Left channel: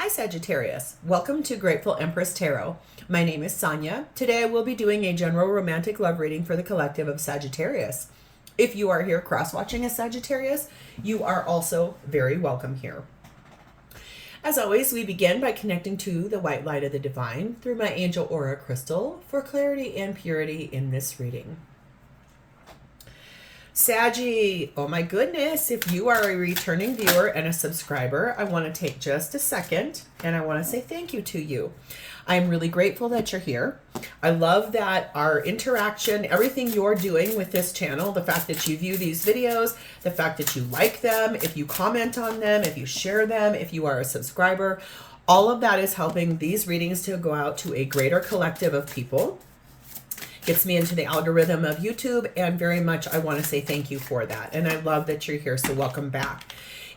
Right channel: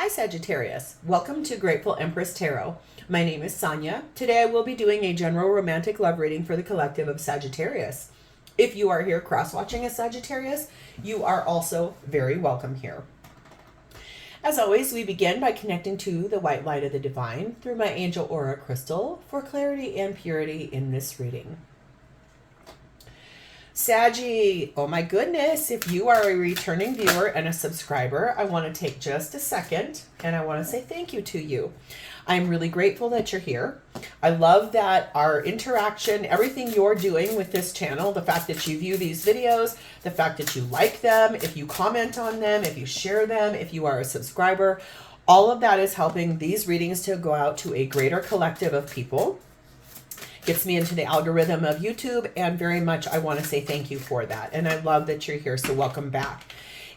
Hi Sagittarius, welcome to Grateful Empress Tarot. My name is Sonia. Today I will be doing a general romantic love reading for the collective of Sagittarius. If you are here cross-watching as Sagittarius, you are also very welcome here. As always, we begin by connecting to the white light of the divine through my angel aura crystal for clarity and purity in this reading. Saggy, oh my goodness, if you are a returning viewer and a subscriber, I want to take just a second and I want to say thank you to you. I'm really grateful that you're here. I love that our interaction, everything you're doing with this channel, the fact that you view these videos, the fact that you like them, if you comment on them, if you share them, if you are a subscriber, all of that is helping these readings to go out to a greater collective of people. Gets me into the algorithm of YouTube, and very much I want to say thank you for that. And I love that you're here, so welcome back.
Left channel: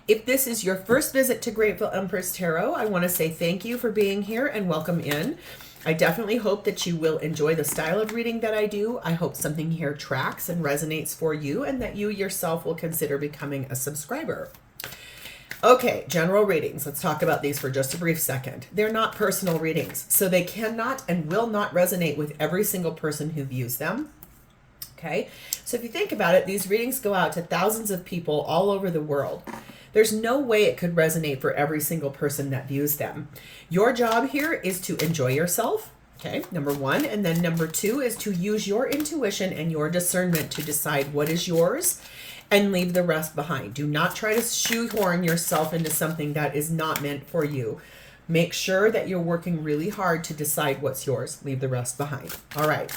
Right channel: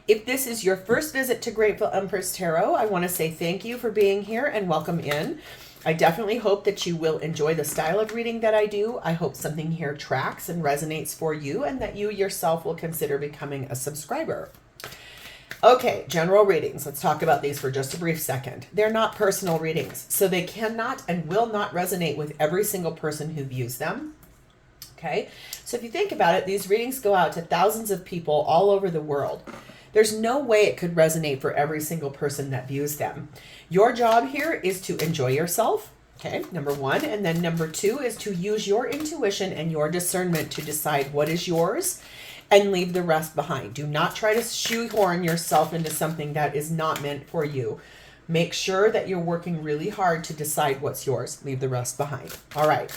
If this is your first visit to Grateful Empress Tarot, I want to say thank you for being here and welcome in. I definitely hope that you will enjoy the style of reading that I do. I hope something here tracks and resonates for you and that you yourself will consider becoming a subscriber. Okay, general readings. Let's talk about these for just a brief second. They're not personal readings, so they cannot and will not resonate with every single person who views them. Okay, so if you think about it, these readings go out to thousands of people all over the world. There's no way it could resonate for every single person that views them. Your job here is to enjoy yourself, okay, number one, and then number two is to use your intuition and your discernment to decide what is yours and leave the rest behind. Do not try to shoehorn yourself into something that is not meant for you. Make sure that you're working really hard to decide what's yours. Leave the rest behind. All right.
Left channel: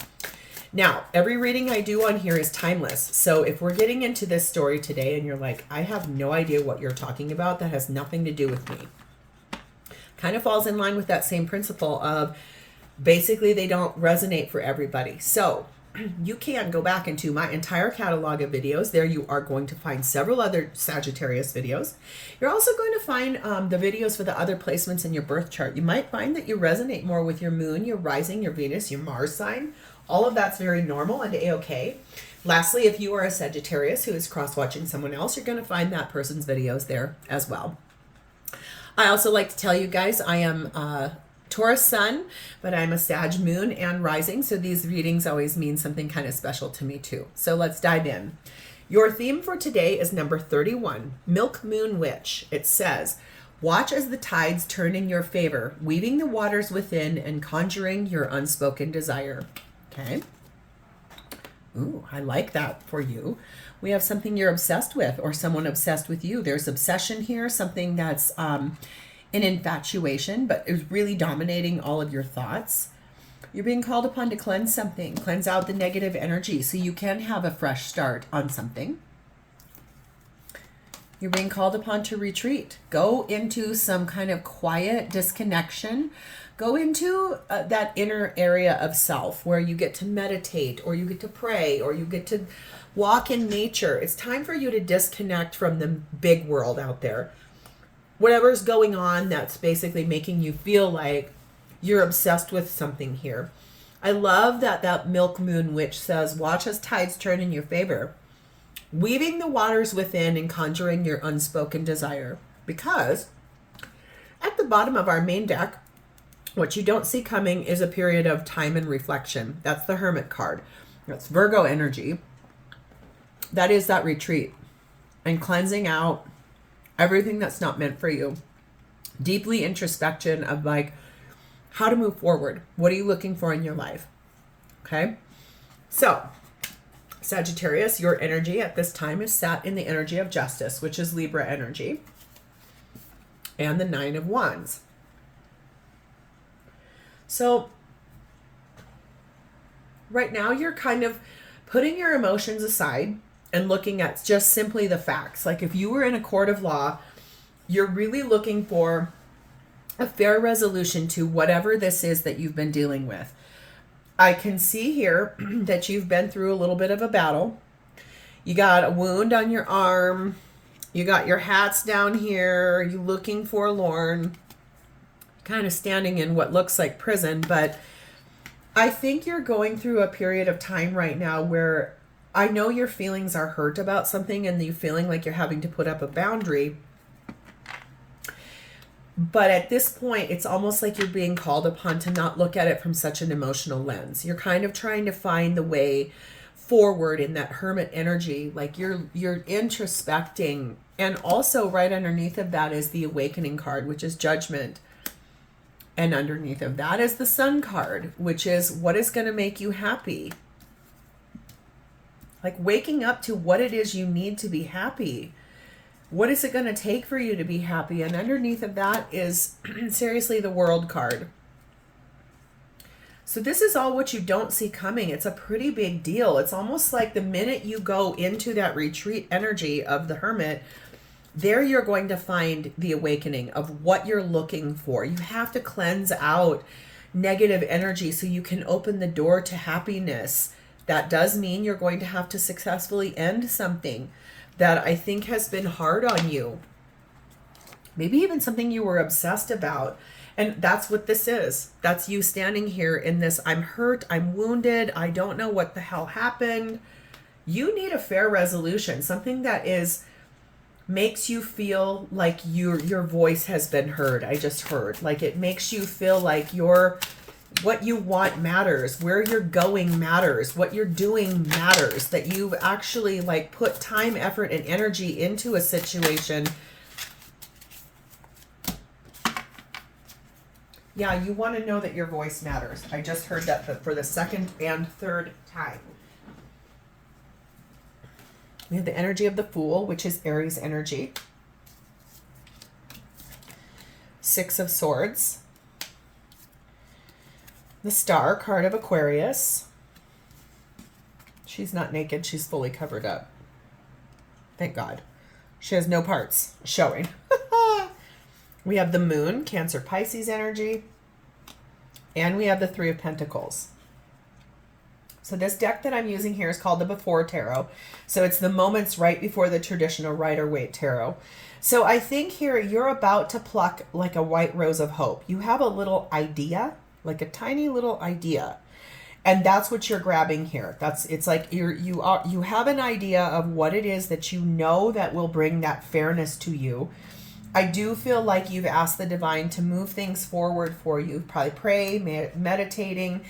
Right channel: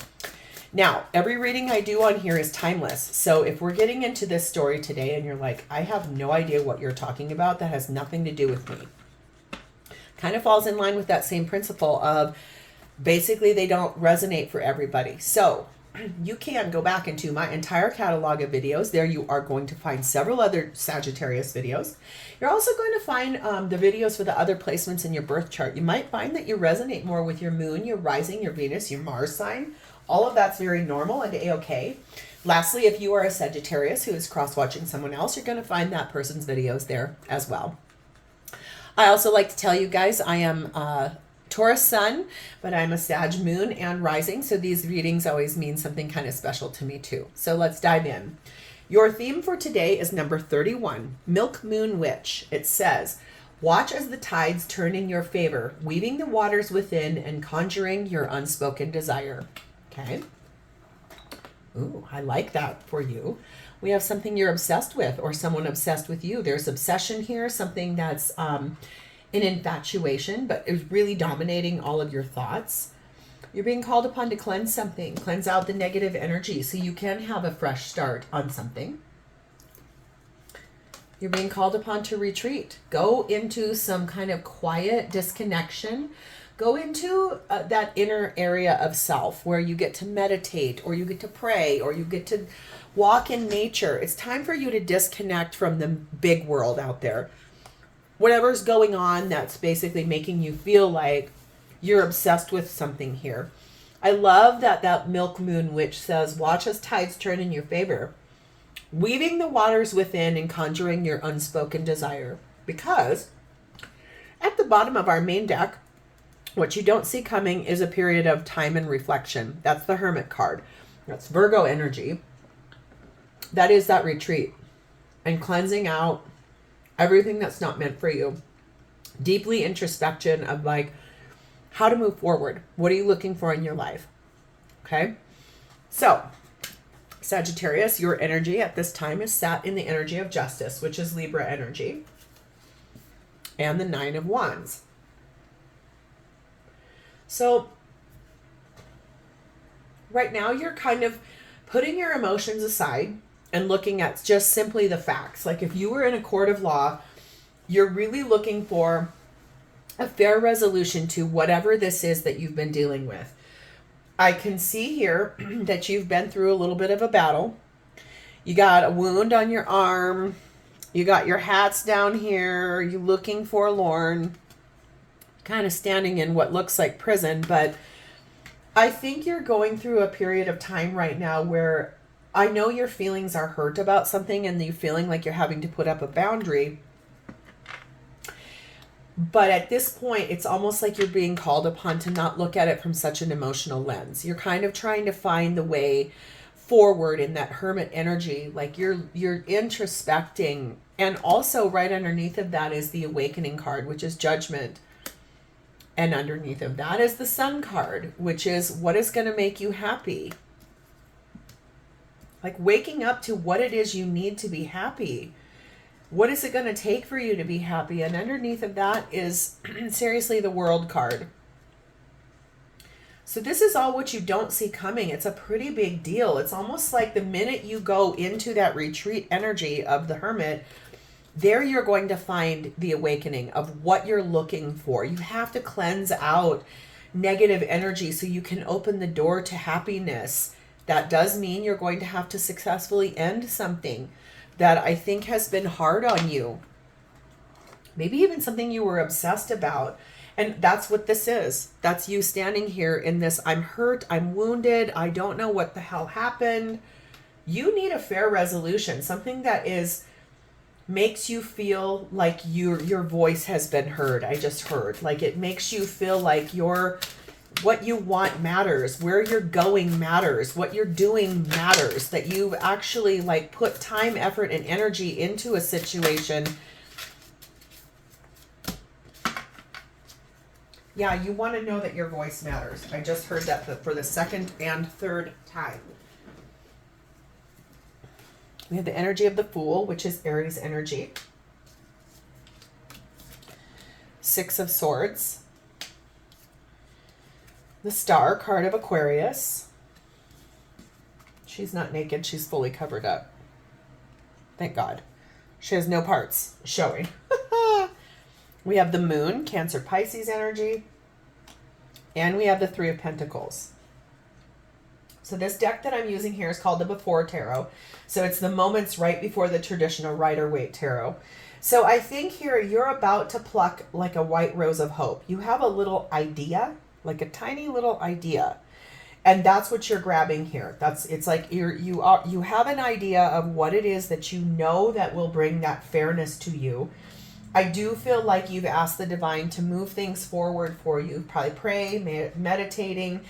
Now, every reading I do on here is timeless. So if we're getting into this story today and you're like, I have no idea what you're talking about, that has nothing to do with me. Kind of falls in line with that same principle of basically they don't resonate for everybody. So you can go back into my entire catalog of videos. There you are going to find several other Sagittarius videos. You're also going to find the videos for the other placements in your birth chart. You might find that you resonate more with your moon, your rising, your Venus, your Mars sign. All of that's very normal and a-okay. Lastly, if you are a Sagittarius who is cross-watching someone else, you're going to find that person's videos there as well. I also like to tell you guys I am Taurus sun, but I'm a Sag moon and rising, so these readings always mean something kind of special to me too. So let's dive in. Your theme for today is number 31, Milk Moon Witch. It says, watch as the tides turn in your favor, weaving the waters within and conjuring your unspoken desire. Okay. Ooh, I like that for you. We have something you're obsessed with or someone obsessed with you. There's obsession here, something that's an infatuation, but is really dominating all of your thoughts. You're being called upon to cleanse something, cleanse out the negative energy so you can have a fresh start on something. You're being called upon to retreat. Go into some kind of quiet disconnection. Go into that inner area of self where you get to meditate or you get to pray or you get to walk in nature. It's time for you to disconnect from the big world out there. Whatever's going on that's basically making you feel like you're obsessed with something here. I love that that Milk Moon Witch says, watch as tides turn in your favor, weaving the waters within and conjuring your unspoken desire. Because at the bottom of our main deck, what you don't see coming is a period of time and reflection. That's the Hermit card. That's Virgo energy. That is that retreat and cleansing out everything that's not meant for you. Deeply introspection of like how to move forward. What are you looking for in your life? Okay. So Sagittarius, your energy at this time is sat in the energy of justice, which is Libra energy, and the 9 of Wands. So right now you're kind of putting your emotions aside and looking at just simply the facts. Like if you were in a court of law, you're really looking for a fair resolution to whatever this is that you've been dealing with. I can see here that you've been through a little bit of a battle. You got a wound on your arm. You got your hats down here. You're looking forlorn, kind of standing in what looks like prison. But I think you're going through a period of time right now where I know your feelings are hurt about something and you're feeling like you're having to put up a boundary. But at this point, it's almost like you're being called upon to not look at it from such an emotional lens. You're kind of trying to find the way forward in that hermit energy. Like you're introspecting. And also right underneath of that is the awakening card, which is judgment. And underneath of that is the sun card, which is what is going to make you happy. Like waking up to what it is you need to be happy. What is it going to take for you to be happy? And underneath of that is seriously the world card. So this is all what you don't see coming. It's a pretty big deal. It's almost like the minute you go into that retreat energy of the hermit, there you're going to find the awakening of what you're looking for. You have to cleanse out negative energy so you can open the door to happiness. That does mean you're going to have to successfully end something that I think has been hard on you. Maybe even something you were obsessed about. And that's what this is. That's you standing here in this, I'm hurt, I'm wounded, I don't know what the hell happened. You need a fair resolution, something that makes you feel like your voice has been heard. I just heard. Like it makes you feel like what you want matters, where you're going matters, what you're doing matters, that you've actually like put time, effort, and energy into a situation. Yeah, you want to know that your voice matters. I just heard that for the second and third time. We have the energy of the Fool, which is Aries energy. Six of Swords. The Star card of Aquarius. She's not naked. She's fully covered up. Thank God. She has no parts showing. We have the Moon, Cancer Pisces energy. And we have the Three of Pentacles. So this deck that I'm using here is called the Before Tarot. So it's the moments right before the traditional Rider-Waite Tarot. So I think here you're about to pluck like a white rose of hope. You have a little idea, like a tiny little idea. And that's what you're grabbing here. It's like you have an idea of what it is that you know that will bring that fairness to you. I do feel like you've asked the divine to move things forward for you. Probably pray, meditating.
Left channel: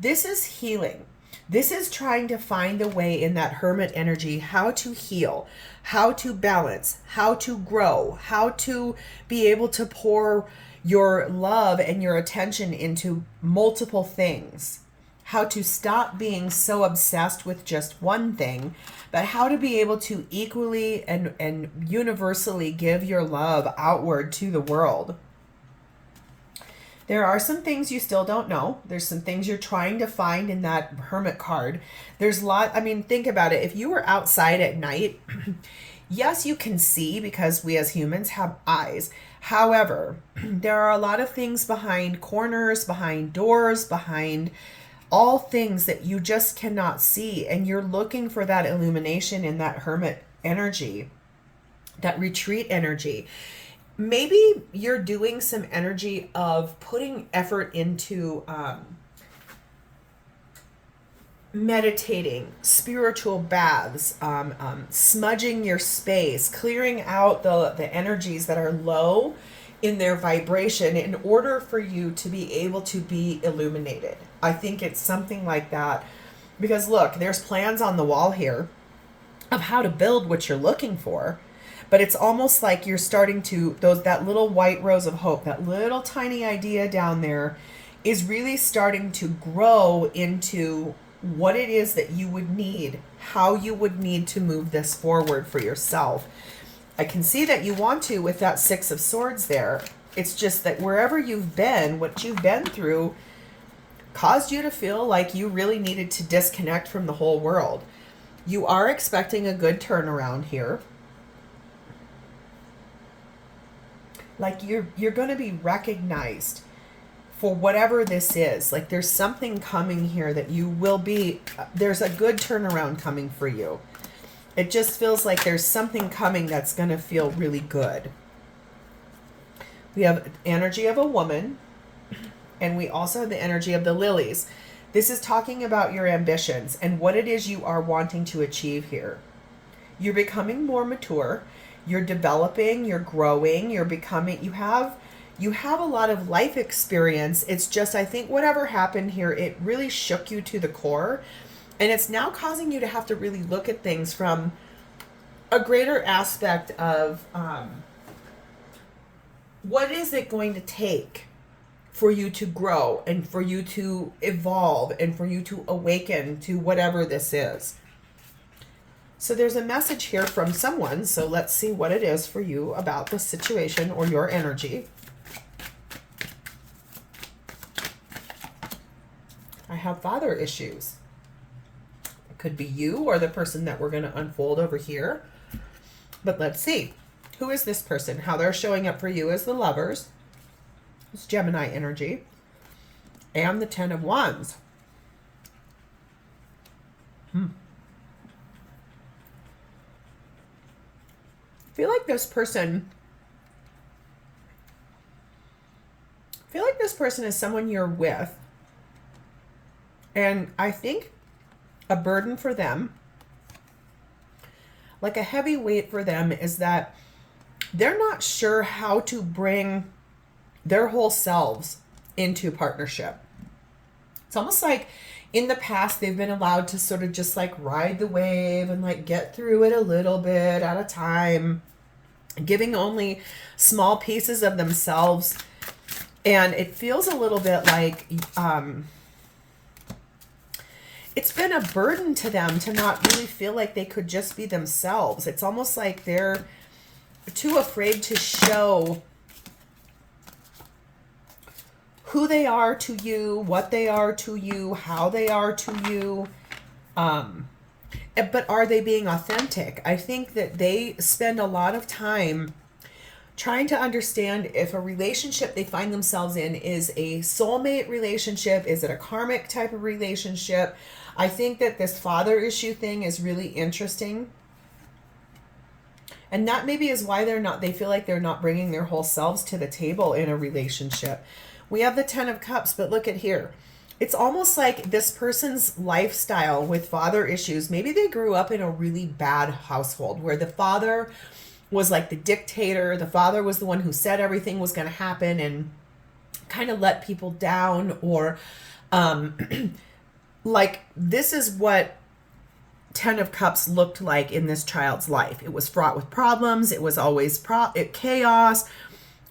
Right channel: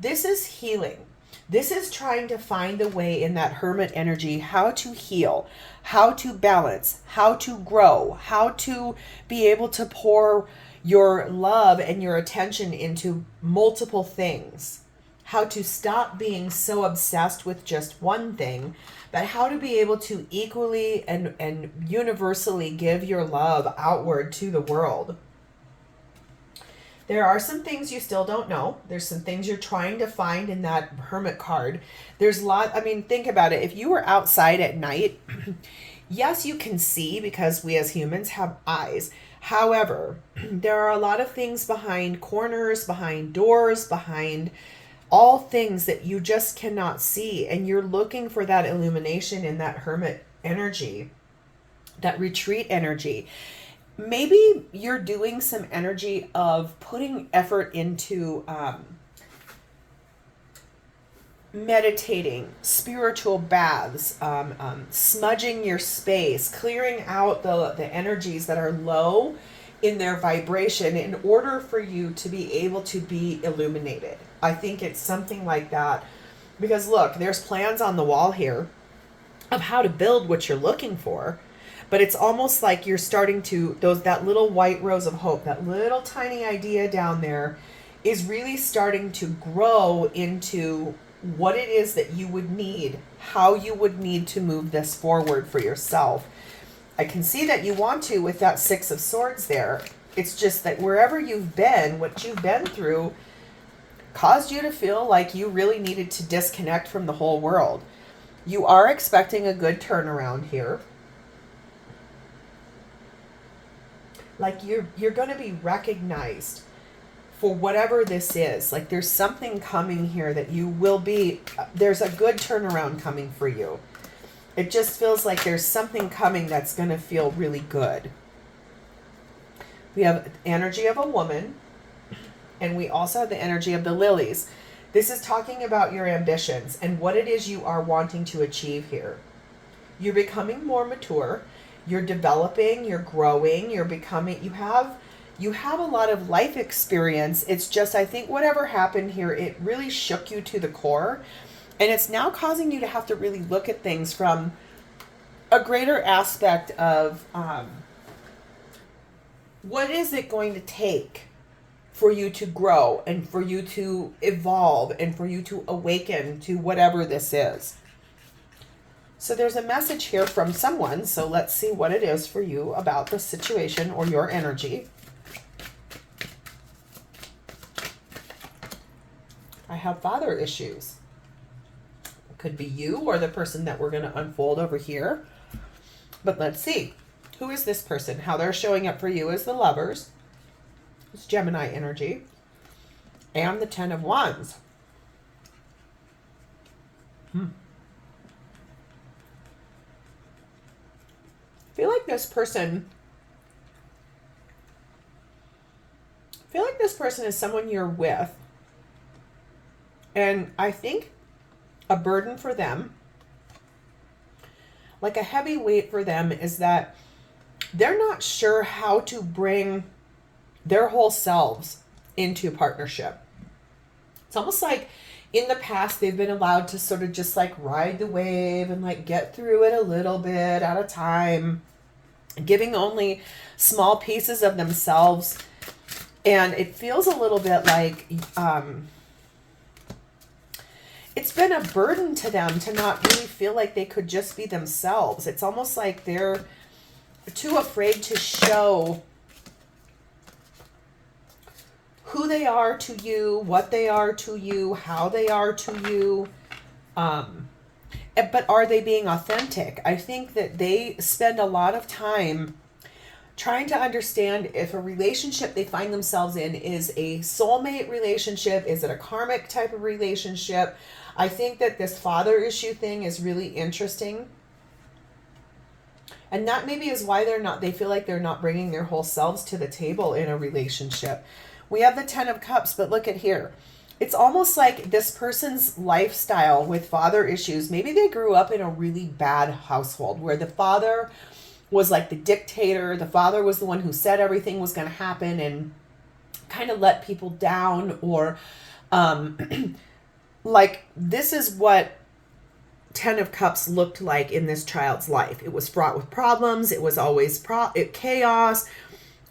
This is healing. This is trying to find the way in that hermit energy, how to heal, how to balance, how to grow, how to be able to pour your love and your attention into multiple things, how to stop being so obsessed with just one thing, but how to be able to equally and universally give your love outward to the world. There are some things you still don't know. There's some things you're trying to find in that hermit card. There's a lot, I mean, think about it. If you were outside at night, yes, you can see because we as humans have eyes. However, there are a lot of things behind corners, behind doors, behind all things that you just cannot see. And you're looking for that illumination in that hermit energy, that retreat energy. Maybe you're doing some energy of putting effort into meditating, spiritual baths, smudging your space, clearing out the energies that are low in their vibration in order for you to be able to be illuminated. I think it's something like that. Because look, there's plans on the wall here of how to build what you're looking for. But it's almost like you're starting to, that little white rose of hope, that little tiny idea down there is really starting to grow into what it is that you would need, how you would need to move this forward for yourself. I can see that you want to with that Six of Swords there. It's just that wherever you've been, what you've been through caused you to feel like you really needed to disconnect from the whole world. You are expecting a good turnaround here. Like you're going to be recognized for whatever this is. Like there's something coming here that you will be, there's a good turnaround coming for you. It just feels like there's something coming that's going to feel really good. We have energy of a woman, and we also have the energy of the lilies. This is talking about your ambitions and what it is you are wanting to achieve here. You're becoming more mature. You're developing, you're growing, you're becoming, You have a lot of life experience. It's just, I think whatever happened here, it really shook you to the core. And it's now causing you to have to really look at things from a greater aspect of what is it going to take for you to grow and for you to evolve and for you to awaken to whatever this is. So there's a message here from someone. So let's see what it is for you about the situation or your energy. I have father issues. It could be you or the person that we're going to unfold over here. But let's see. Who is this person? How they're showing up for you as the Lovers. It's Gemini energy. And the Ten of Wands. I feel like this person is someone you're with. And I think a burden for them, like a heavy weight for them, is that they're not sure how to bring their whole selves into partnership. It's almost like in the past they've been allowed to sort of just like ride the wave and like get through it a little bit at a time, giving only small pieces of themselves. And it feels a little bit like it's been a burden to them to not really feel like they could just be themselves. It's almost like they're too afraid to show who they are to you, what they are to you, how they are to you. But are they being authentic? I think that they spend a lot of time trying to understand if a relationship they find themselves in is a soulmate relationship. Is it a karmic type of relationship? I think that this father issue thing is really interesting. And that maybe is why they feel like they're not bringing their whole selves to the table in a relationship. We have the Ten of Cups, but look at here. It's almost like this person's lifestyle with father issues. Maybe they grew up in a really bad household where the father was like the dictator. The father was the one who said everything was going to happen and kind of let people down, or like this is what Ten of Cups looked like in this child's life. It was fraught with problems. It was always chaos.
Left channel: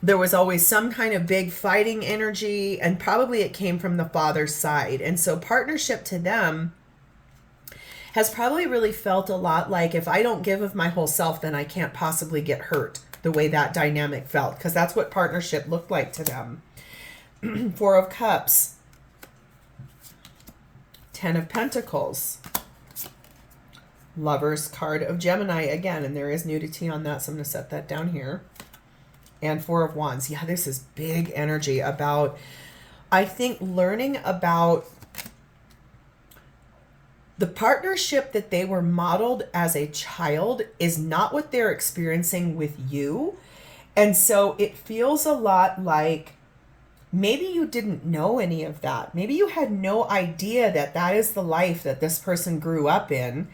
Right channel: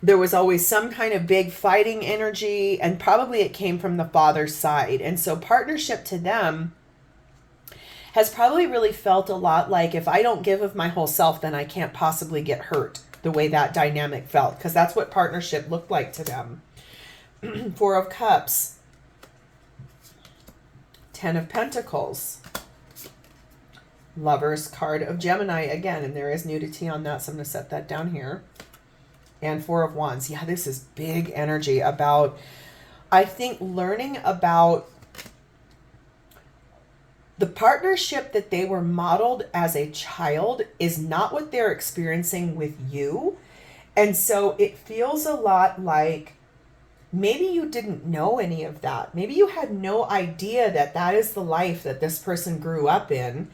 There was always some kind of big fighting energy, and probably it came from the father's side. And so partnership to them has probably really felt a lot like, if I don't give of my whole self, then I can't possibly get hurt, the way that dynamic felt, because that's what partnership looked like to them. Four of Cups, Ten of Pentacles, Lovers card of Gemini again, and there is nudity on that, so I'm going to set that down here. And Four of Wands. Yeah, this is big energy about, I think, learning about the partnership that they were modeled as a child is not what they're experiencing with you. And so it feels a lot like maybe you didn't know any of that. Maybe you had no idea that that is the life that this person grew up in.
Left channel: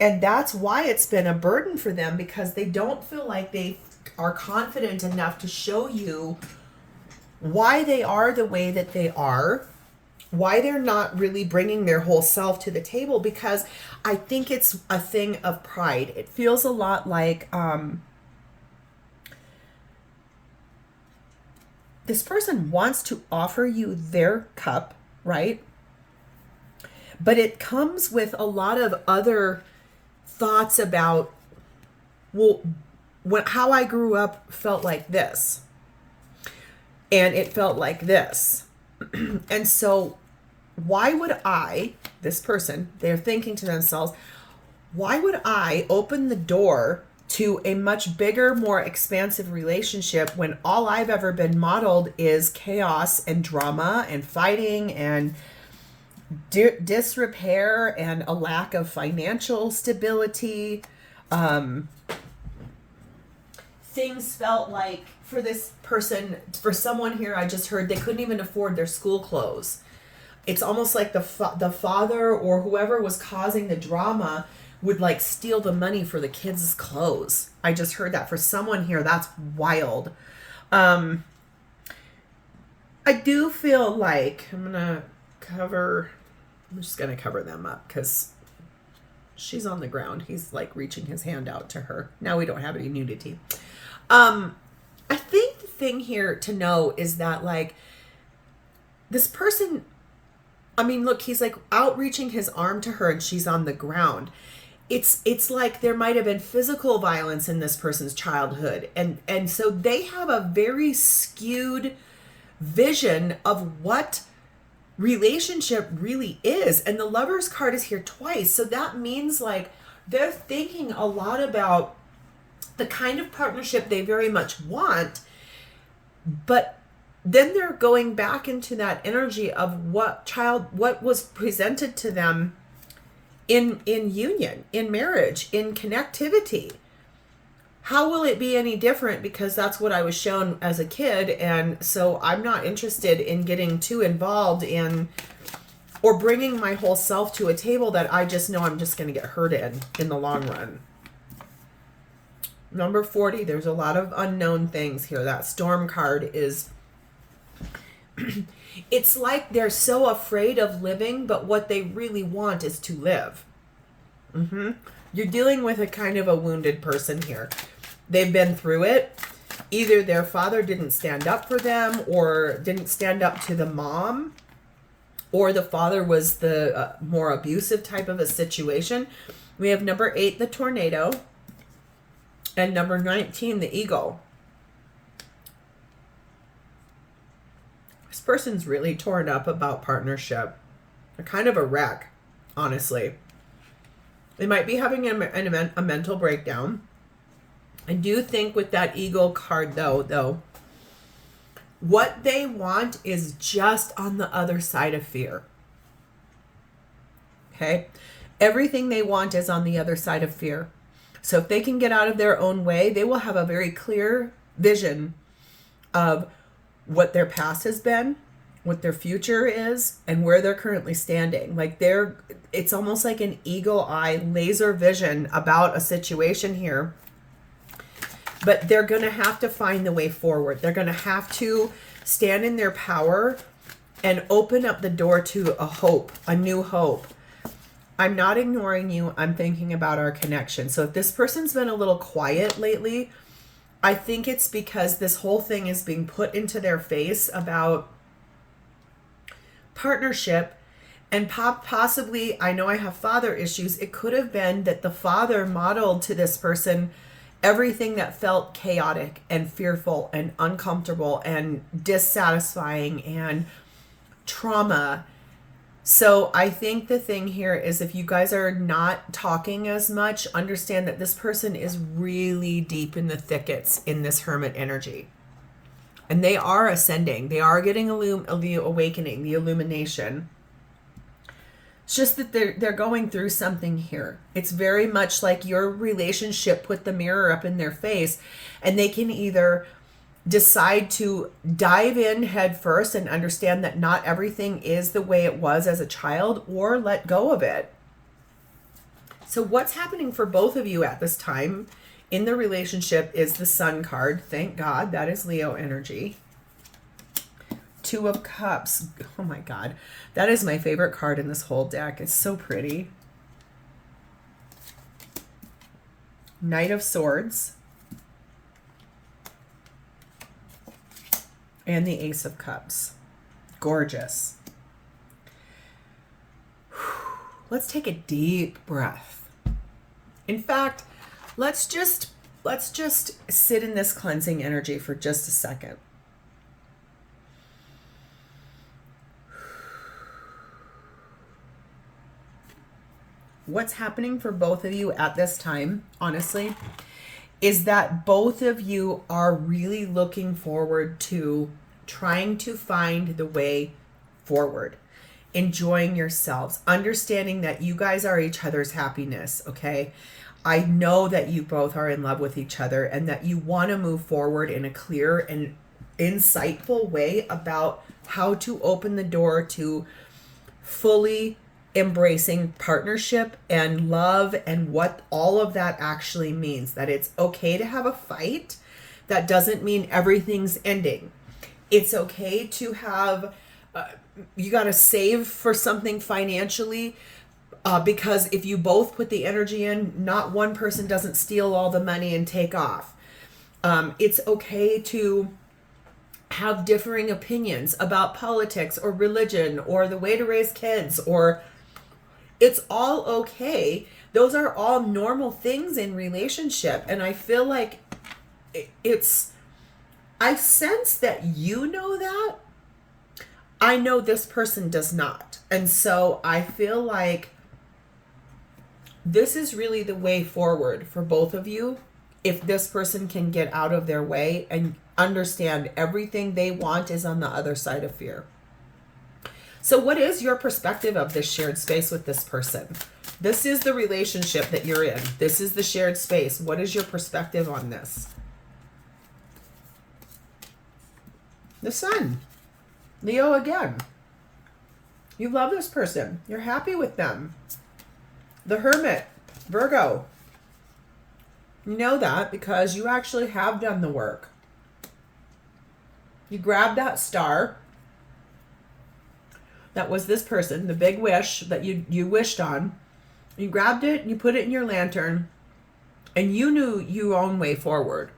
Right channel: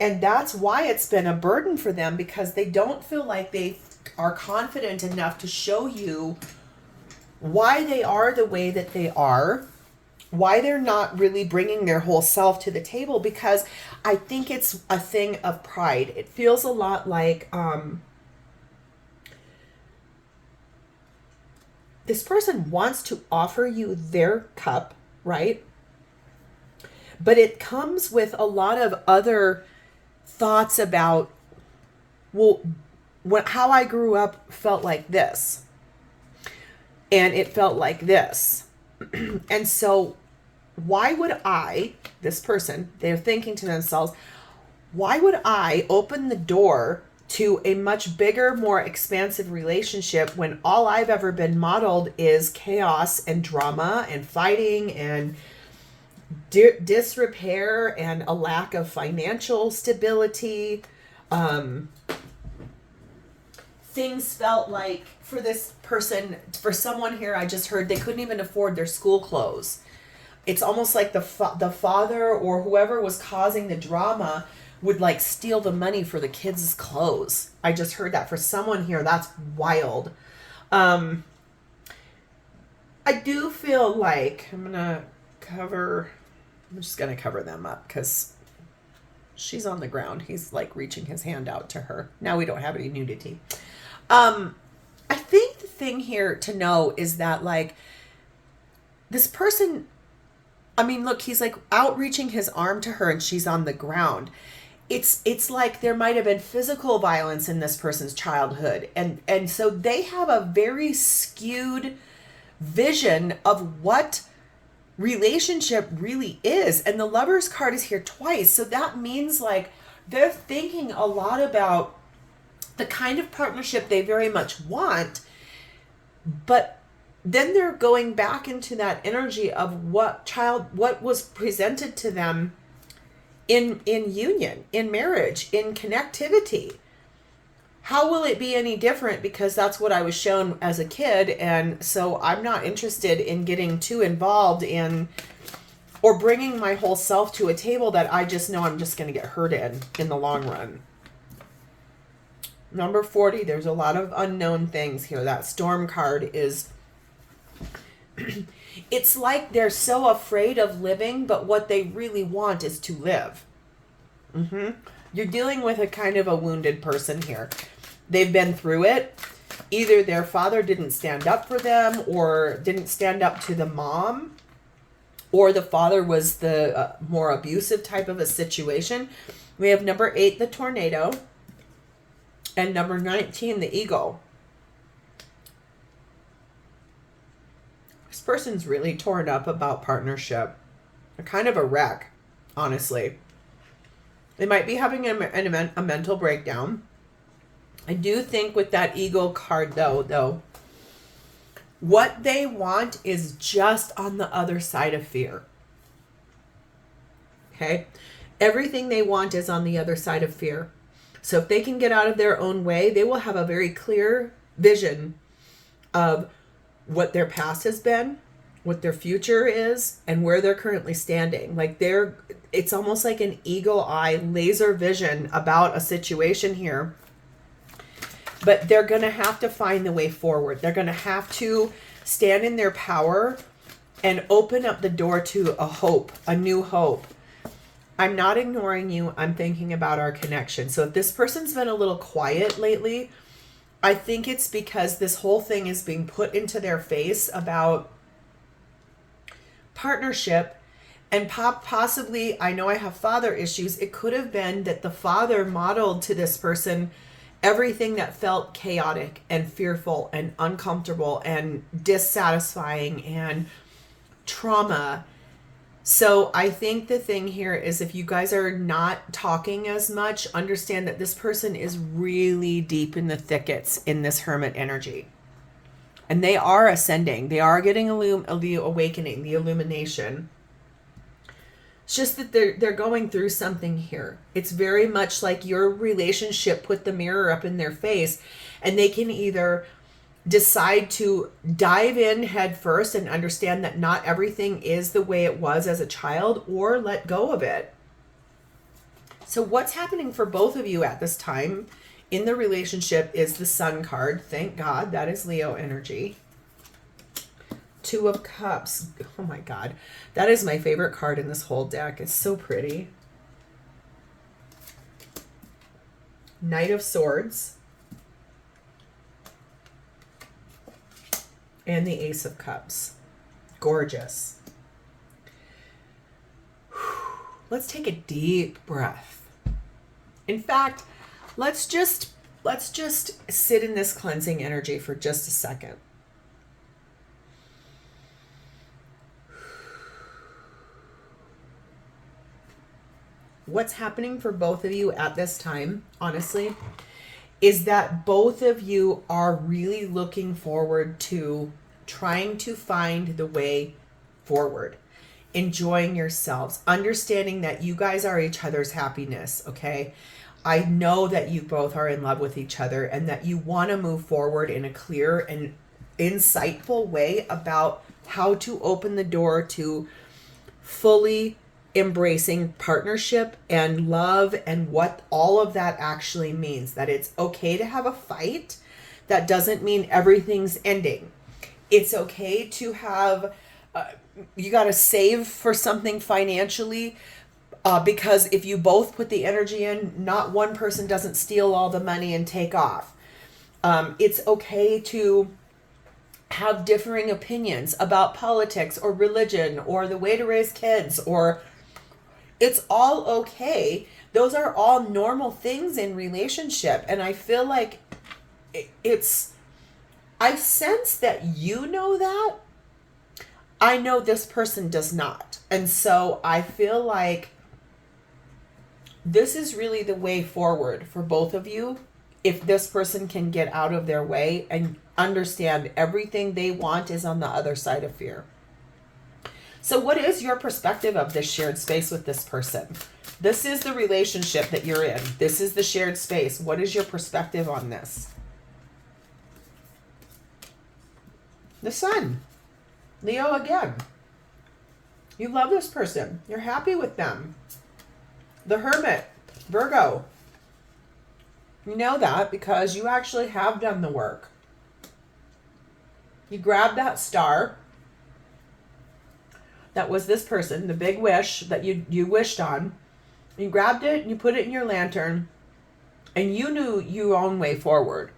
And that's why it's been a burden for them, because they don't feel like they are confident enough to show you why they are the way that they are, why they're not really bringing their whole self to the table, because I think it's a thing of pride. It feels a lot like this person wants to offer you their cup, right? But it comes with a lot of other thoughts about, well, how I grew up felt like this, and it felt like this. And so why would I, this person, they're thinking to themselves, why would I open the door to a much bigger, more expansive relationship when all I've ever been modeled is chaos and drama and fighting and disrepair and a lack of financial stability? Things felt like, for this person, for someone here, I just heard they couldn't even afford their school clothes. It's almost like the father or whoever was causing the drama would like steal the money for the kids' clothes. I just heard that for someone here. That's wild. I do feel like I'm just going to cover them up because she's on the ground. He's like reaching his hand out to her. Now we don't have any nudity. I think the thing here to know is that like this person, I mean, look, he's like outreaching his arm to her and she's on the ground. It's like there might have been physical violence in this person's childhood. And so they have a very skewed vision of what relationship really is. And the Lover's card is here twice. So that means like they're thinking a lot about the kind of partnership they very much want, but then they're going back into that energy of what was presented to them in union, in marriage, in connectivity. How will it be any different? Because that's what I was shown as a kid. And so I'm not interested in getting too involved in or bringing my whole self to a table that I just know I'm just going to get hurt in the long run. Number 40, there's a lot of unknown things here. That Storm card is, it's like they're so afraid of living, but what they really want is to live. You're dealing with a kind of a wounded person here. They've been through it. Either their father didn't stand up for them or didn't stand up to the mom, or the father was the more abusive type of a situation. We have number 8, the tornado. And number 19, the eagle. This person's really torn up about partnership. They're kind of a wreck, honestly. They might be having a mental breakdown. I do think with that eagle card, though, what they want is just on the other side of fear. Okay? Everything they want is on the other side of fear. So if they can get out of their own way, they will have a very clear vision of what their past has been, what their future is, and where they're currently standing. Like it's almost like an eagle eye laser vision about a situation here. But they're going to have to find the way forward. They're going to have to stand in their power and open up the door to a hope, a new hope. I'm not ignoring you. I'm thinking about our connection. So if this person's been a little quiet lately, I think it's because this whole thing is being put into their face about partnership and possibly, I know I have father issues. It could have been that the father modeled to this person everything that felt chaotic and fearful and uncomfortable and dissatisfying and trauma. So I think the thing here is if you guys are not talking as much, understand that this person is really deep in the thickets in this hermit energy. And they are ascending. They are getting the awakening, the illumination. It's just that they're going through something here. It's very much like your relationship put the mirror up in their face, and they can either decide to dive in head first and understand that not everything is the way it was as a child, or let go of it. So what's happening for both of you at this time in the relationship is the Sun card. Thank God, that is Leo energy. 2 of Cups. Oh my God. That is my favorite card in this whole deck. It's so pretty. Knight of Swords. And the Ace of Cups. Gorgeous. Let's take a deep breath. In fact, let's just sit in this cleansing energy for just a second. What's happening for both of you at this time, honestly, is that both of you are really looking forward to trying to find the way forward, enjoying yourselves, understanding that you guys are each other's happiness, okay? I know that you both are in love with each other and that you want to move forward in a clear and insightful way about how to open the door to fully embracing partnership and love and what all of that actually means. That it's okay to have a fight. That doesn't mean everything's ending. It's okay to have, you got to save for something financially, because if you both put the energy in, not one person doesn't steal all the money and take off. It's okay to have differing opinions about politics or religion or the way to raise kids, or it's all okay. Those are all normal things in relationship. And I feel like I sense that you know that. I know this person does not. And so I feel like this is really the way forward for both of you. If this person can get out of their way and understand everything they want is on the other side of fear. So what is your perspective of this shared space with this person? This is the relationship that you're in. This is the shared space. What is your perspective on this? The Sun. Leo again. You love this person. You're happy with them. The Hermit. Virgo. You know that because you actually have done the work. You grabbed that star. That was this person, the big wish that you wished on. You grabbed it, you put it in your lantern, and you knew your own way forward.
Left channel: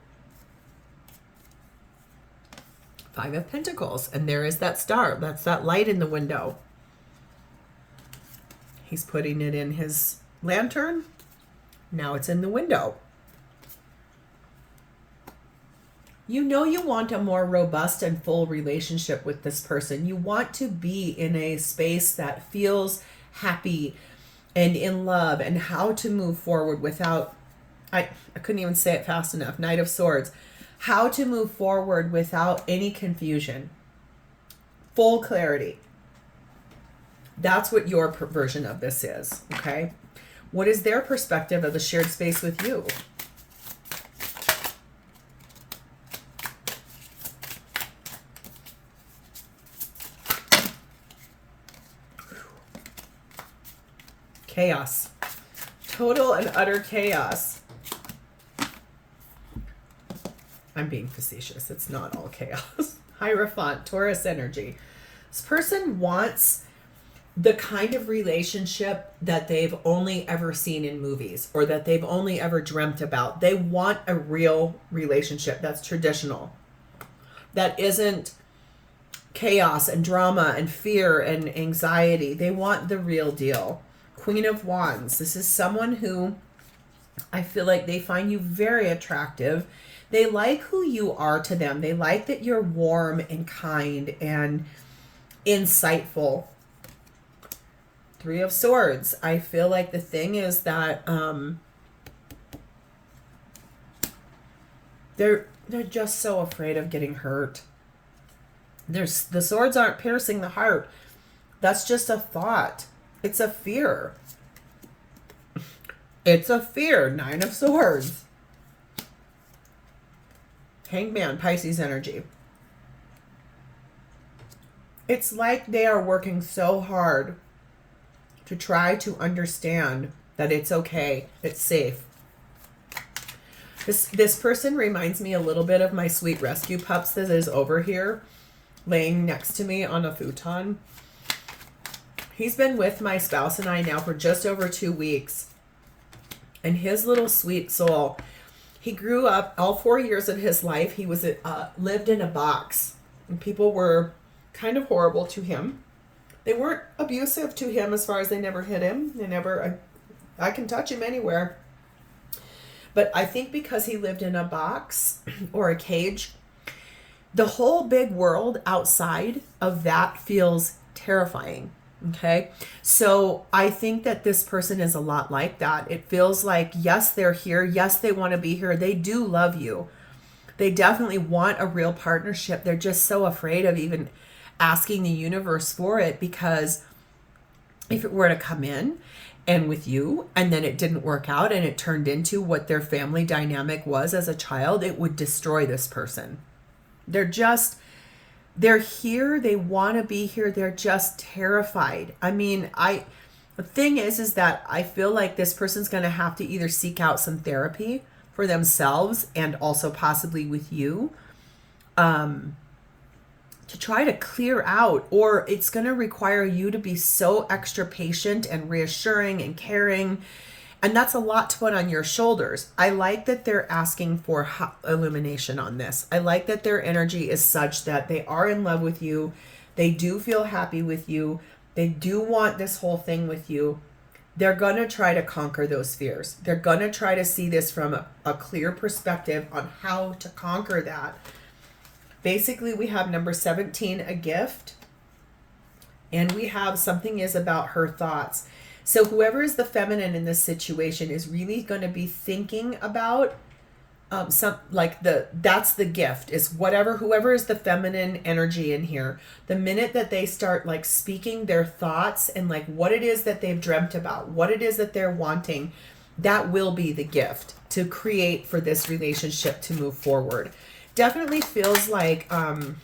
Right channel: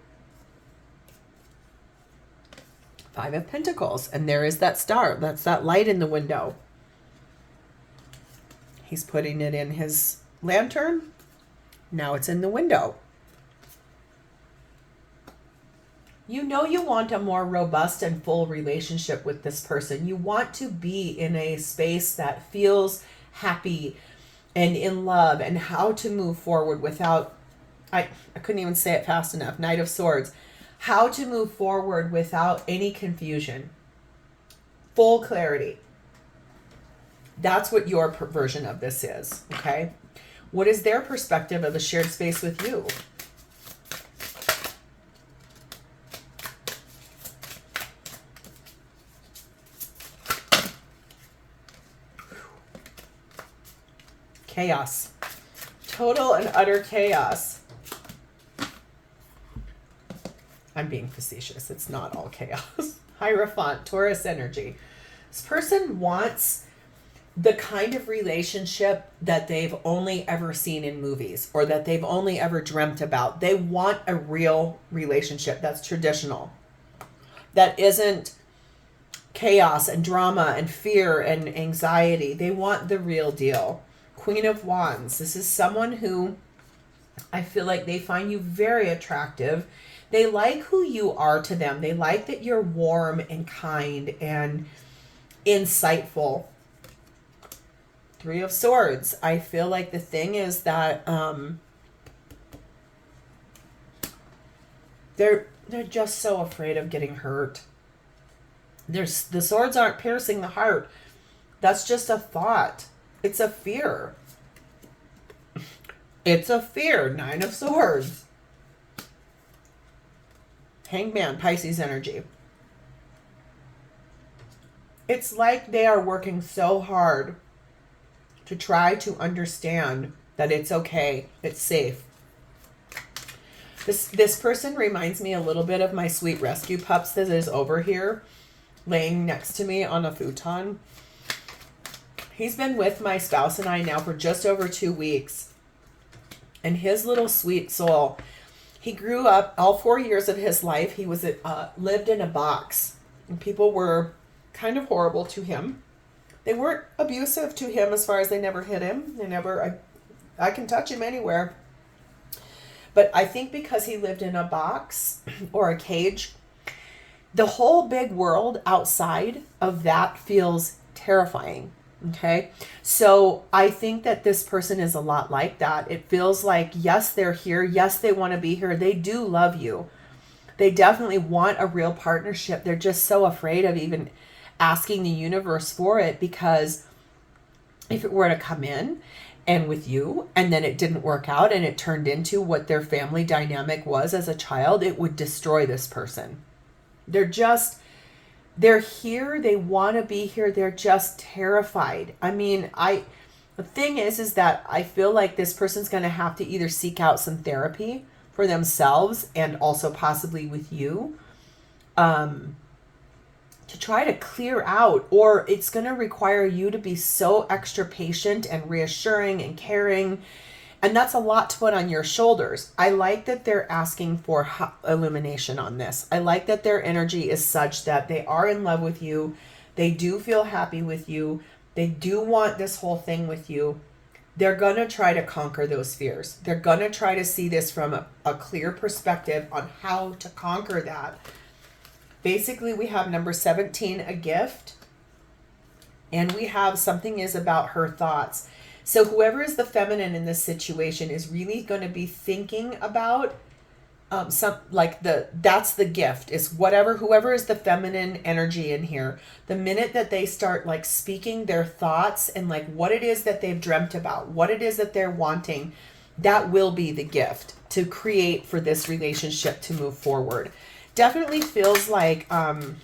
Five of Pentacles, and there is that star. That's that light in the window. He's putting it in his lantern. Now it's in the window. You know you want a more robust and full relationship with this person. You want to be in a space that feels happy and in love, and how to move forward without, I couldn't even say it fast enough, Knight of Swords. How to move forward without any confusion. Full clarity. That's what your version of this is, okay? What is their perspective of the shared space with you? Chaos. Total and utter chaos. I'm being facetious. It's not all chaos. Hierophant, Taurus energy. This person wants the kind of relationship that they've only ever seen in movies, or that they've only ever dreamt about. They want a real relationship that's traditional, that isn't chaos and drama and fear and anxiety. They want the real deal. Queen of Wands. This is someone who I feel like they find you very attractive. They like who you are to them. They like that you're warm and kind and insightful. Three of Swords. I feel like the thing is that they're just so afraid of getting hurt. The swords aren't piercing the heart. That's just a thought. It's a fear. It's a fear. Nine of Swords. Hangman, Pisces energy. It's like they are working so hard to try to understand that it's okay, it's safe. This person reminds me a little bit of my sweet rescue pups that is over here, laying next to me on a futon. He's been with my spouse and I now for just over 2 weeks. And his little sweet soul, he grew up all 4 years of his life. He was lived in a box, and people were kind of horrible to him. They weren't abusive to him as far as they never hit him. They never, I can touch him anywhere. But I think because he lived in a box or a cage, the whole big world outside of that feels terrifying. Okay. So I think that this person is a lot like that. It feels like, yes, they're here. Yes, they want to be here. They do love you. They definitely want a real partnership. They're just so afraid of even asking the universe for it, because if it were to come in and with you and then it didn't work out and it turned into what their family dynamic was as a child, it would destroy this person. They're here. They want to be here. They're just terrified. I mean, the thing is that I feel like this person's going to have to either seek out some therapy for themselves and also possibly with you. to try to clear out, or it's going to require you to be so extra patient and reassuring and caring. And that's a lot to put on your shoulders. I like that they're asking for illumination on this. I like that their energy is such that they are in love with you. They do feel happy with you. They do want this whole thing with you. They're going to try to conquer those fears. They're going to try to see this from a clear perspective on how to conquer that. Basically, we have number 17, a gift. And we have something is about her thoughts. So whoever is the feminine in this situation is really going to be thinking about that's the gift, is whoever is the feminine energy in here. The minute that they start like speaking their thoughts and like what it is that they've dreamt about, what it is that they're wanting, that will be the gift to create for this relationship to move forward. Definitely feels like, boy,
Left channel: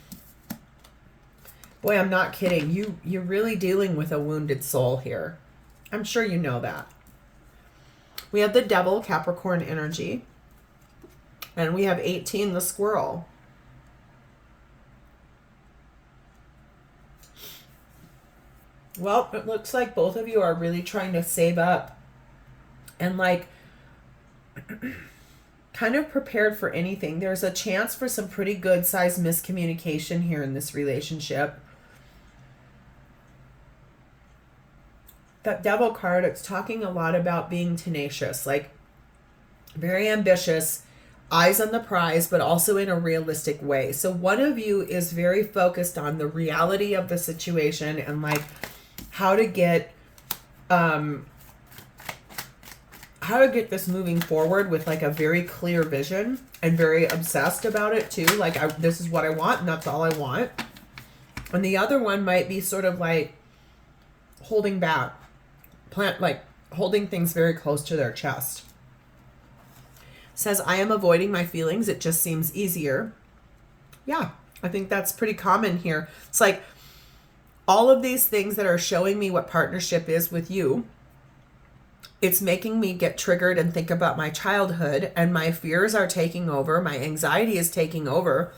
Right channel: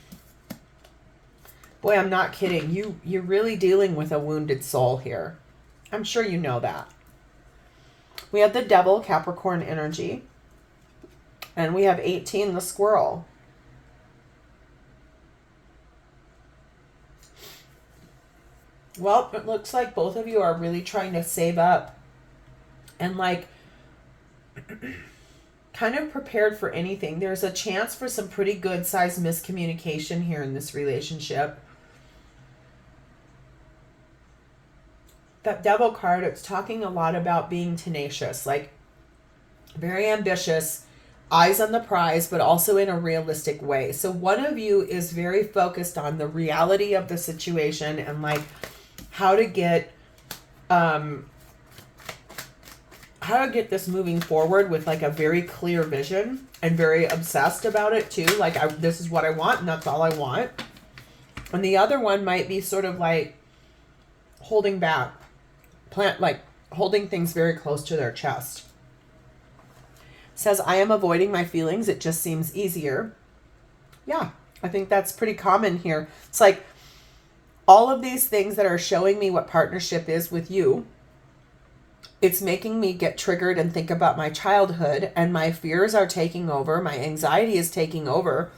I'm not kidding. You're really dealing with a wounded soul here. I'm sure you know that. We have the Devil, Capricorn energy. And we have 18, the Squirrel. Well, it looks like both of you are really trying to save up and like kind of prepared for anything. There's a chance for some pretty good sized miscommunication here in this relationship. That Devil card, it's talking a lot about being tenacious, like very ambitious, eyes on the prize, but also in a realistic way. So one of you is very focused on the reality of the situation and like how to get this moving forward with like a very clear vision and very obsessed about it too. Like this is what I want and that's all I want. And the other one might be sort of like holding back, holding things very close to their chest. Says, I am avoiding my feelings. It just seems easier. Yeah, I think that's pretty common here. It's like all of these things that are showing me what partnership is with you. It's making me get triggered and think about my childhood, and my fears are taking over. My anxiety is taking over.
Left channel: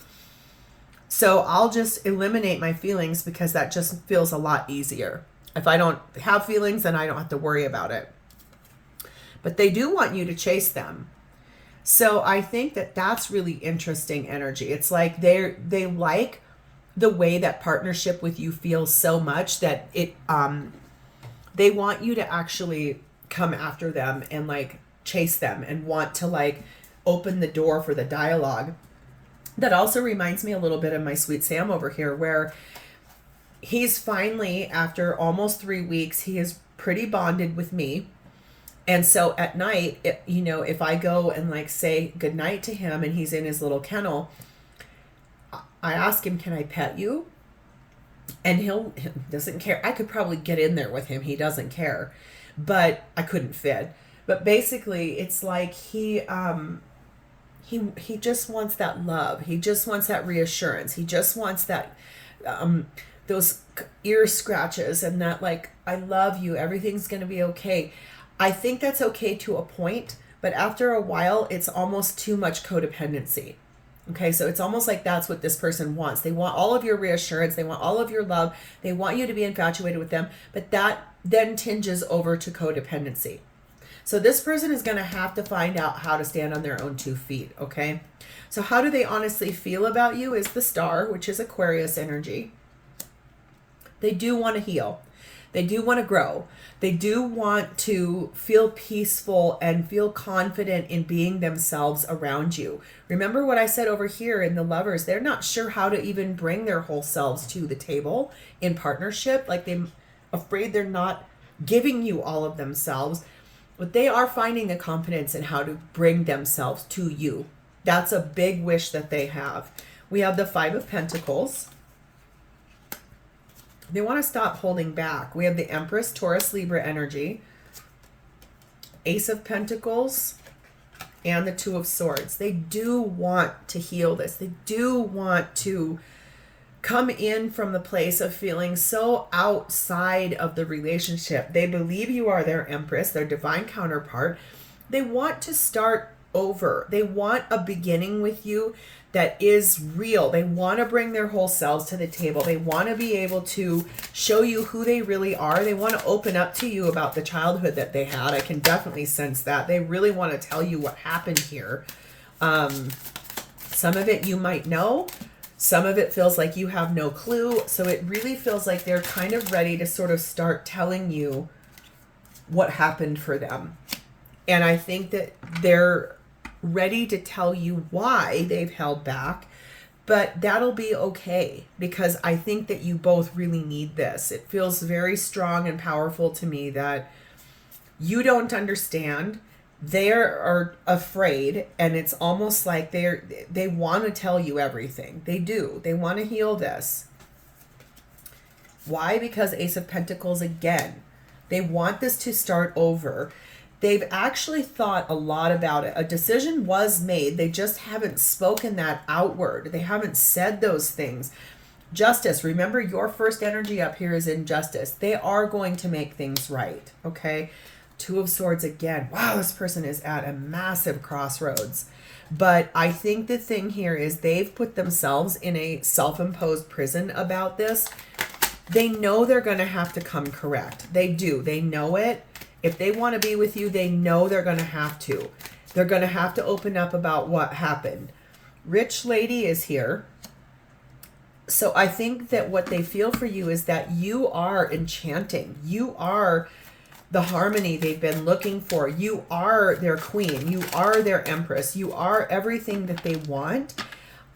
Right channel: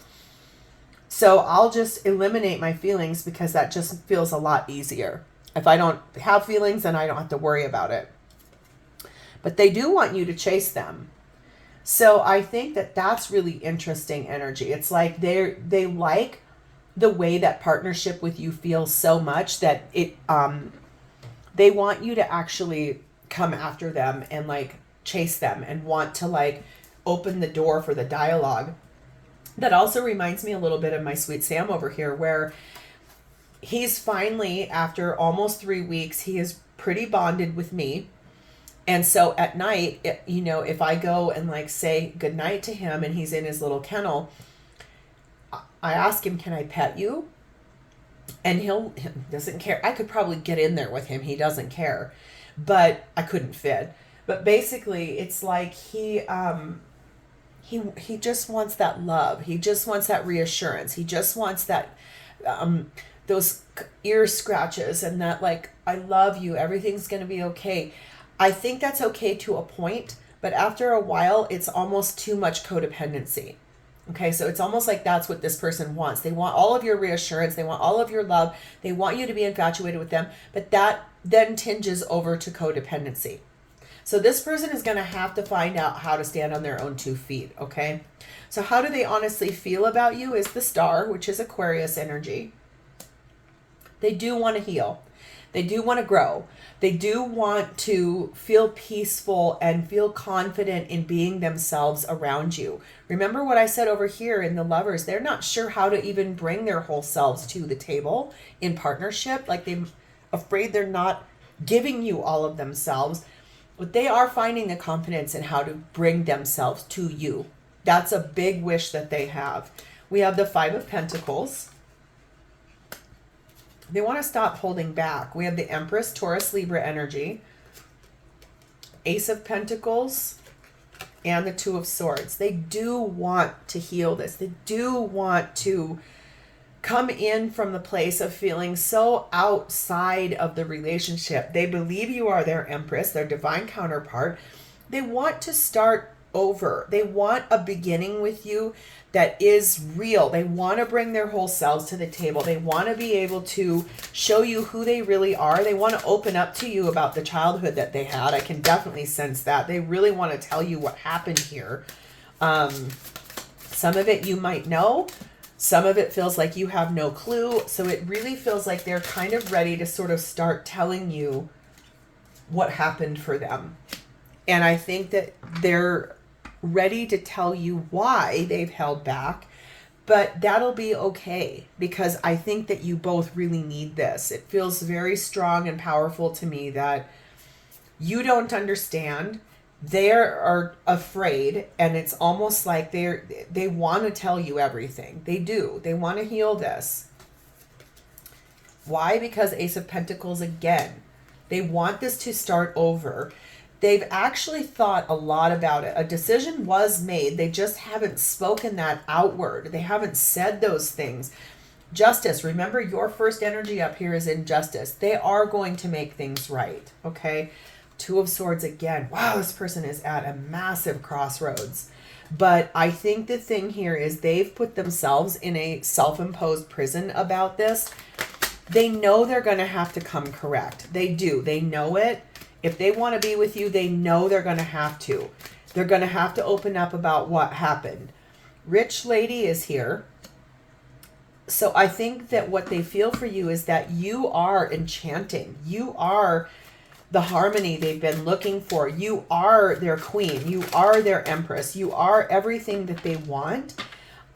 So I'll just eliminate my feelings because that just feels a lot easier. If I don't have feelings, then I don't have to worry about it. But they do want you to chase them. So I think that that's really interesting energy. It's like they like the way that partnership with you feels so much that they want you to actually come after them and like chase them and want to like open the door for the dialogue. That also reminds me a little bit of my sweet Sam over here, where he's finally, after almost 3 weeks, he is pretty bonded with me. And so at night, if I go and like say goodnight to him and he's in his little kennel, I ask him, can I pet you? And he doesn't care. I could probably get in there with him. He doesn't care, but I couldn't fit. But basically it's like he just wants that love. He just wants that reassurance. He just wants that, those ear scratches and that like, I love you. Everything's going to be okay. I think that's okay to a point, but after a while, it's almost too much codependency. Okay, so it's almost like that's what this person wants. They want all of your reassurance. They want all of your love. They want you to be infatuated with them, but that then tinges over to codependency. So this person is going to have to find out how to stand on their own 2 feet, okay? So how do they honestly feel about you is the Star, which is Aquarius energy. They do want to heal. They do want to grow. They do want to feel peaceful and feel confident in being themselves around you. Remember what I said over here in the Lovers, they're not sure how to even bring their whole selves to the table in partnership. Like they're afraid they're not giving you all of themselves, but they are finding the confidence in how to bring themselves to you. That's a big wish that they have. We have the 5 of Pentacles. They want to stop holding back. We have the Empress, Taurus, Libra energy, Ace of Pentacles, and the 2 of Swords. They do want to heal this. They do want to come in from the place of feeling so outside of the relationship. They believe you are their Empress, their divine counterpart. They want to start over. They want a beginning with you. that is real. They want to bring their whole selves to the table. They want to be able to show you who they really are. They want to open up to you about the childhood that they had. I can definitely sense that. They really want to tell you what happened here. Some of it you might know. Some of it feels like you have no clue. So it really feels like they're kind of ready to sort of start telling you what happened for them. And I think that they're ready to tell you why they've held back, but that'll be okay, because I think that you both really need this. It feels very strong and powerful to me that you don't understand. They are afraid, and it's almost like they want to tell you everything. They do. They want to heal this. Why? Because Ace of Pentacles again. They want this to start over. They've actually thought a lot about it. A decision was made. They just haven't spoken that outward. They haven't said those things. Justice. Remember, your first energy up here is in justice. They are going to make things right. Okay. Two of Swords again. Wow, this person is at a massive crossroads. But I think the thing here is they've put themselves in a self-imposed prison about this. They know they're going to have to come correct. They do. They know it. If they want to be with you, they know they're going to have to. They're going to have to open up about what happened. Rich lady is here. So I think that what they feel for you is that you are enchanting. You are the harmony they've been looking for. You are their queen. You are their empress. You are everything that they want.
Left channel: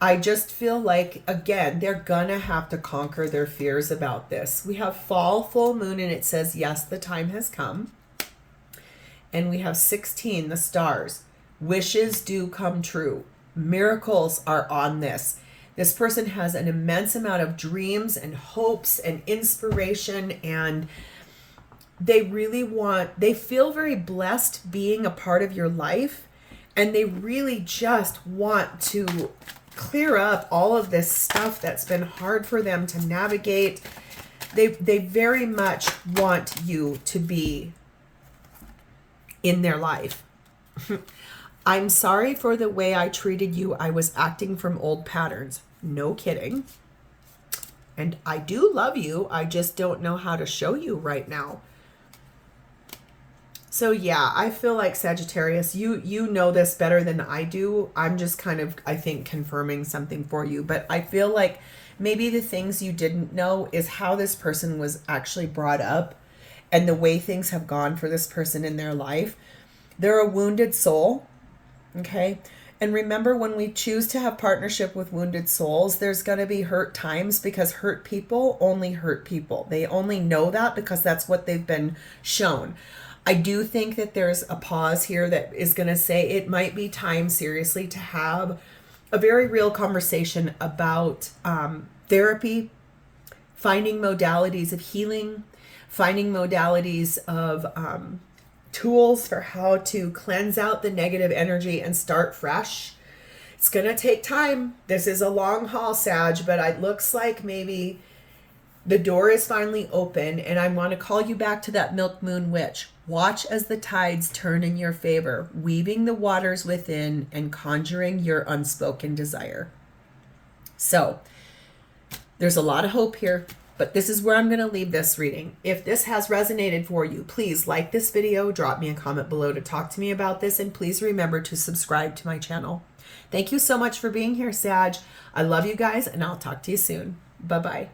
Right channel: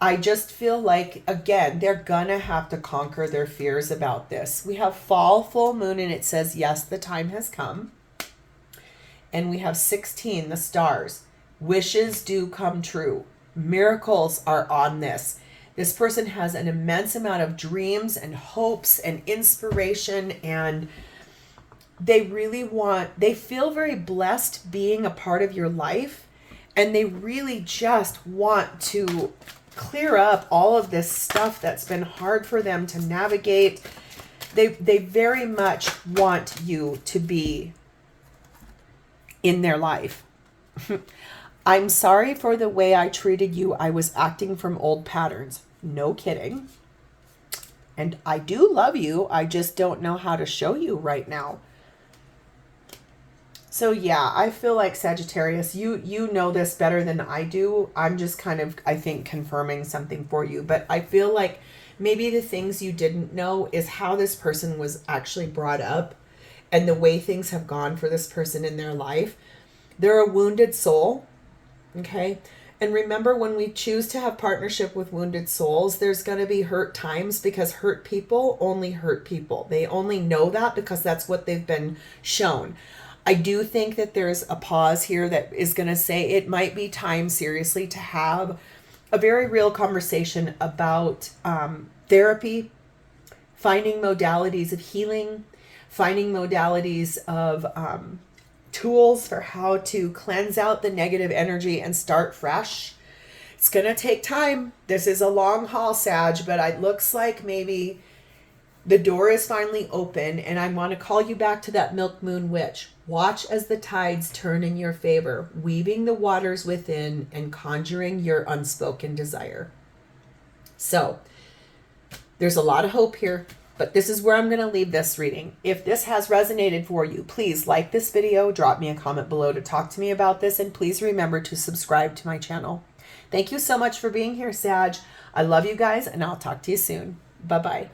I just feel like, again, they're gonna have to conquer their fears about this. We have fall, full moon, and it says, yes, the time has come. And we have 16, the stars. Wishes do come true. Miracles are on this. This person has an immense amount of dreams and hopes and inspiration, and they really they feel very blessed being a part of your life, and they really just want to clear up all of this stuff that's been hard for them to navigate. They very much want you to be in their life. I'm sorry for the way I treated you. I was acting from old patterns. No kidding. And I do love you. I just don't know how to show you right now. So yeah, I feel like Sagittarius, you know this better than I do. I'm just kind of, I think, confirming something for you. But I feel like maybe the things you didn't know is how this person was actually brought up and the way things have gone for this person in their life. They're a wounded soul, okay? And remember, when we choose to have partnership with wounded souls, there's going to be hurt times, because hurt people only hurt people. They only know that because that's what they've been shown. I do think that there's a pause here that is going to say it might be time, seriously, to have a very real conversation about therapy, finding modalities of healing, finding modalities of tools for how to cleanse out the negative energy and start fresh. It's going to take time. This is a long haul, Sag, but it looks like maybe the door is finally open, and I want to call you back to that Milk Moon Witch. Watch as the tides turn in your favor, weaving the waters within and conjuring your unspoken desire. So there's a lot of hope here, but this is where I'm going to leave this reading. If this has resonated for you, please like this video, drop me a comment below to talk to me about this, and please remember to subscribe to my channel. Thank you so much for being here, Sag. I love you guys, and I'll talk to you soon. Bye-bye.